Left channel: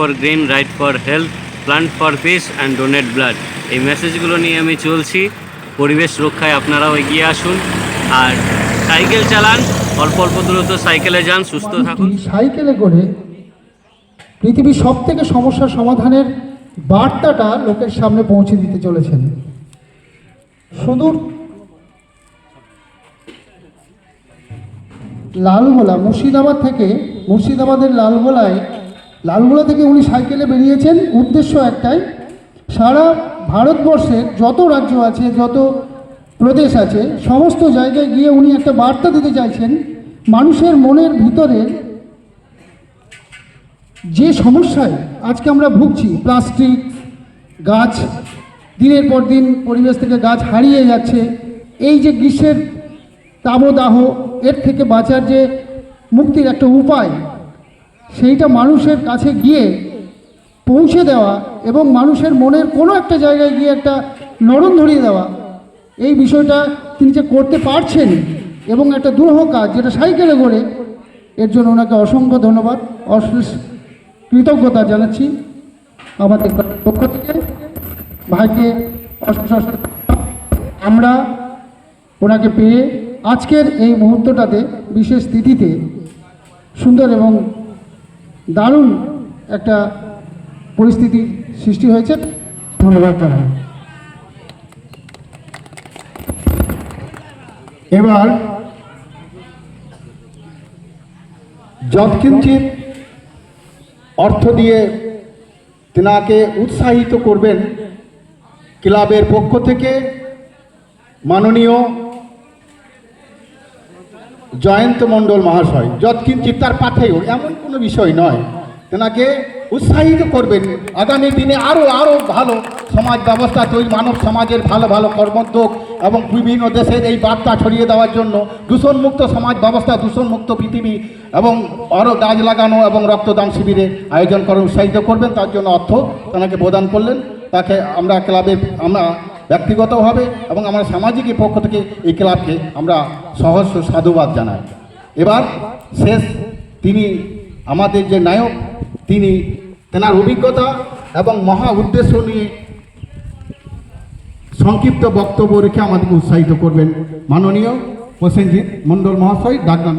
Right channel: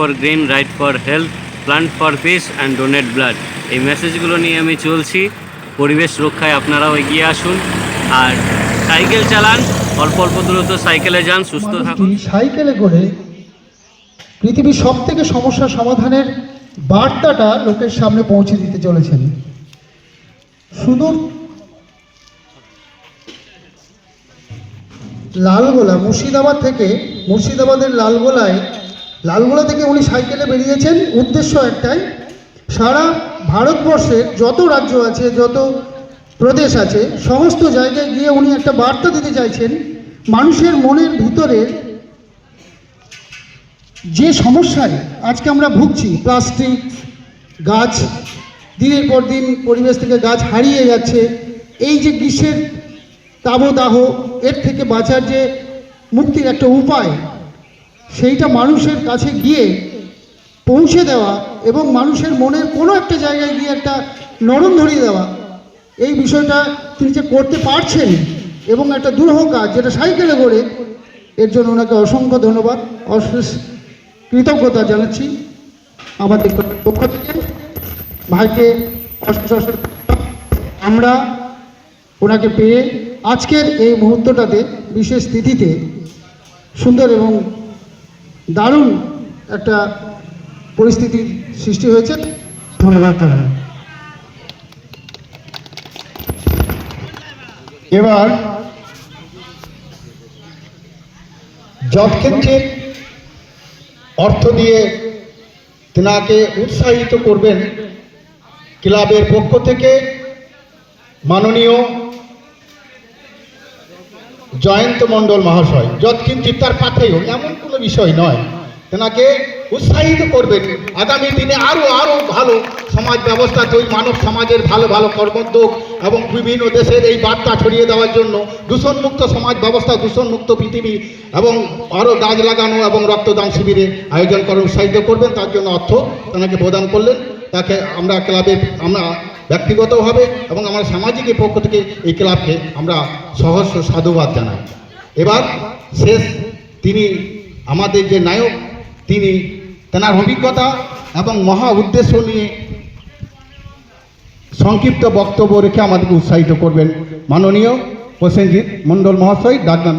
For green, right for health, plant for piece and donate blood, এই মেসেজগুলো নিয়ে আমি চলছি। পরিবেশ রক্ষায় আপনারাও এগিয়ে আসুন আর সাইকেল চালান, অল্প অল্প দূরত্ব সাইকেলে যান, সুস্থ থাকুন। সাইকেলে করে পৃথিবীর সব থেকে সমস্যার সমাধানের বার্তাটা লোকের সামনে পৌঁছে দিতে চলেছেন। শুধু লালগোলা মুর্শিদাবাদের লালগোলা থেকে উনি সাইকেলে বেরিয়েছেন। উদ্দেশ্য একটাই, সারা ভারতবর্ষের যত রাজ্য আছে, যত প্রদেশ আছে, সমস্ত জায়গায় গিয়ে উনি একটা বার্তা দিতে চাইছেন। মানুষের মনের ভিতরে যে সমস্যায় আজকে আমরা ভুগছি, প্লাস্টিক, গাছ, দিনের পর দিন পরিবেশ থেকে গাছ হারিয়ে যাচ্ছে, এই যে গ্রীষ্মের তাপদাহ, এর থেকে বাঁচার যে মুক্তির একটা উপায়, সেইটা মানুষের কাছে গিয়ে পৌঁছে দেওয়া এবং মানুষের মনের কোনো একটা জায়গায় গিয়ে একটা নরম ধরিয়ে দেওয়া, এই বিষয়টা তিনি যে করতে পারছেন এবং একটা দুরূহ কাজ যেটা সাইকেলে করে, এর জন্য ওনাকে অসংখ্য ধন্যবাদ, অশেষ কৃতজ্ঞতা জানাচ্ছি আমাদের পক্ষ থেকে। ভাইকে অশেষ আমরা ওনাকে পেয়ে আজকের এই মুহূর্তটাতে, বিশেষ তিথিতে সুন্দর এবং দারুণ একটা পরিস্থিতির সৃষ্টি হয়েছে। ধন্যবাদ জানাই। এবার যৎকিঞ্চিৎ অর্থ দিয়ে তেনাকে উৎসাহিত করবেন ক্লাবের পক্ষ থেকে মাননীয় জয়ন্ত মণ্ডল মহাশয়। যৎকিঞ্চিৎ তার পাথেয়, এমন কোনো বিষয় নয়, তেনাকে উৎসাহিত করবেন আগামী দিনে আরও ভালো সমাজ ব্যবস্থা তৈরি, মানব সমাজের ভালো ভালো কর্মোদ্যোগ এবং বিভিন্ন দেশের এই বার্তা ছড়িয়ে দেওয়ার জন্য দূষণমুক্ত সমাজ ব্যবস্থা, দূষণমুক্ত পৃথিবী এবং আরও গাছ লাগানো এবং রক্তদান শিবিরের আয়োজন করে উৎসাহিত করবেন। তার জন্য অর্থ তেনাকে প্রদান করলেন। তাকে আমরা আমরা ব্যক্তিগতভাবে এবং আমরা সামাজিকের পক্ষ থেকে এই ক্লাবকে আমরা সহস্র সাধুবাদ জানাই। এবার শেষ, তিনি আমাদের যে নায়ক, তিনি তেনার অভিজ্ঞতা এবং মহা উদ্দেশ্য নিয়ে সংক্ষিপ্ত বক্তব্য রেখে আমাদেরকে উৎসাহিত করবেন মাননীয় প্রসেনজিৎ মণ্ডল মহাশয়। ডাকনাম।